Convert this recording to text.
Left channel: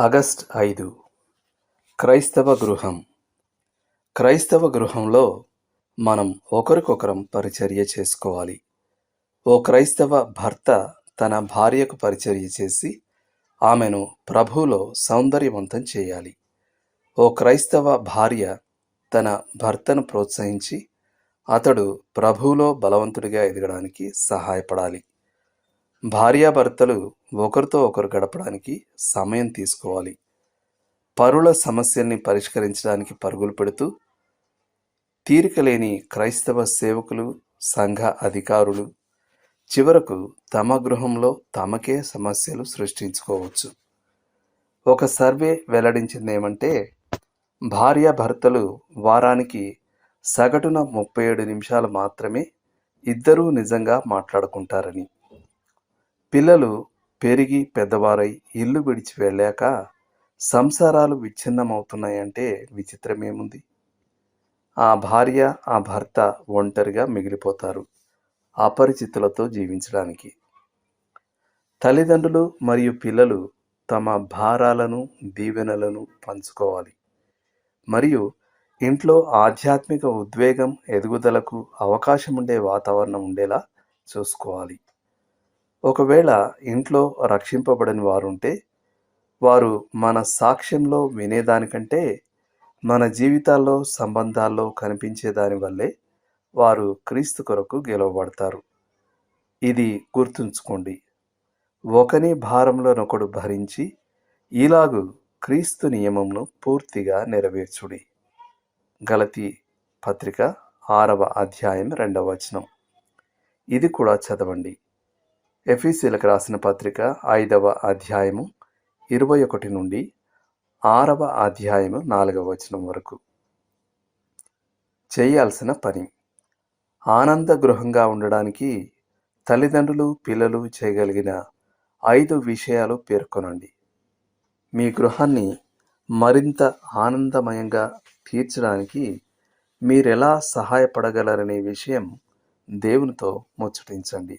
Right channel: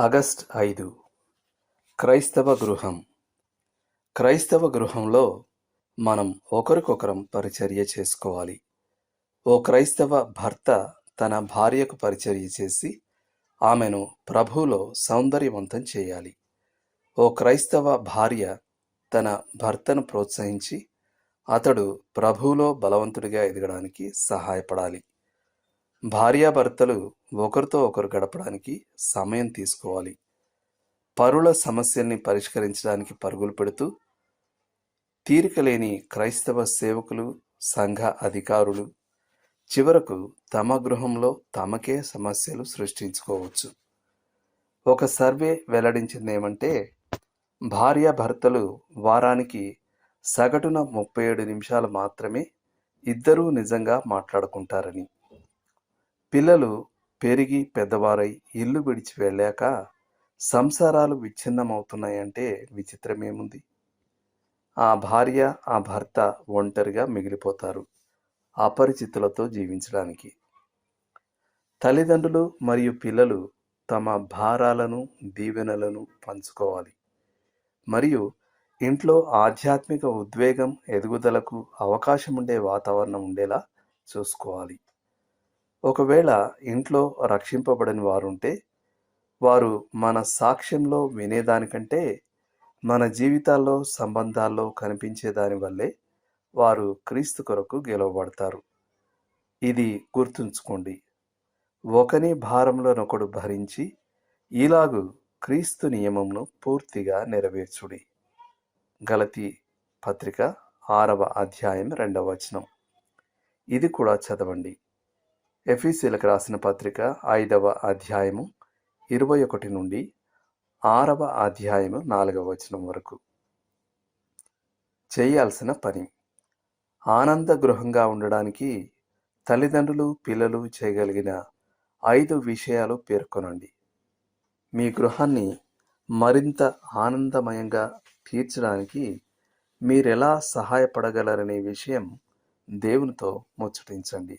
August ఐదు. క్రైస్తవ గృహం. క్రైస్తవ గృహంలో మనం ఒకరికొకరం పరిచర్య చేసుకోవాలి. ఓ క్రైస్తవ భర్త తన భార్యకు పరిచర్య చేసి ఆమెను ప్రభువులో సౌందర్యవంతం చేయాలి. ఓ క్రైస్తవ భార్య తన భర్తను ప్రోత్సహించి అతడు ప్రభువులో బలవంతుడిగా ఎదగడానికి సహాయపడాలి. భార్యాభర్తలు ఒకరితో ఒకరు గడపడానికి సమయం తీసుకోవాలి. పరుల సమస్యల్ని పరిష్కరించడానికి పరుగులు పెడుతూ తీరిక లేని క్రైస్తవ సేవకులు సంఘ అధికారులు చివరకు తమ గృహంలో తమకే సమస్యలు సృష్టించుకోవచ్చు. ఒక సర్వే వెల్లడించింది ఏమంటే భార్యాభర్తలు వారానికి సగటున ముప్పై ఏడు నిమిషాలు మాత్రమే ఇద్దరూ నిజంగా మాట్లాడుకుంటారని. పిల్లలు పెరిగి పెద్దవారై ఇల్లు విడిచి వెళ్ళాక సంసారాలు విచ్ఛిన్నమవుతున్నాయంటే విచిత్రమేముంది? ఆ భార్య ఆ భర్త ఒంటరిగా మిగిలిపోతారు అపరిచితులతో జీవించడానికి. తల్లిదండ్రులు మరియు పిల్లలు తమ భారాలను దీవెనలను పంచుకోవాలి. మరియు ఇంట్లో ఆధ్యాత్మిక ఉద్వేగం ఎదుగుదలకు అవకాశం ఉండే వాతావరణం ఉండేలా చూసుకోవాలి. ఒకవేళ ఇంట్లో రక్షింపబడని వారుంటే వారు మన సాక్ష్యంలో వినేదానికంటే మన జీవితాల్లో సంబంధాల్లో కనిపించే వల్లే వారు క్రీస్తు కొరకు గెలవబడతారు. ఇది గుర్తుంచుకోండి. ఒకని భారంలోనొకడు భరించి ఇలాగు క్రీస్తు నియమంను పూర్తిగా నెరవేర్చుడి. గలతి పత్రిక ఆరవ అధ్యాయం రెండవ వచనం. ఇది కూడా చదవండి. ఎఫీసీలకు రాసిన పత్రిక ఐదవ అధ్యాయము ఇరవై ఒకటి నుండి ఆరవ అధ్యాయము నాలుగవ వచనం వరకు. చేయాల్సిన పని. ఆనంద గృహంగా ఉండడానికి తల్లిదండ్రులు పిల్లలు చేయగలిగిన ఐదు విషయాలు పేర్కొనండి. మీ గృహాన్ని మరింత ఆనందమయంగా తీర్చడానికి మీరెలా సహాయపడగలరనే విషయం దేవునితో ముచ్చటించండి.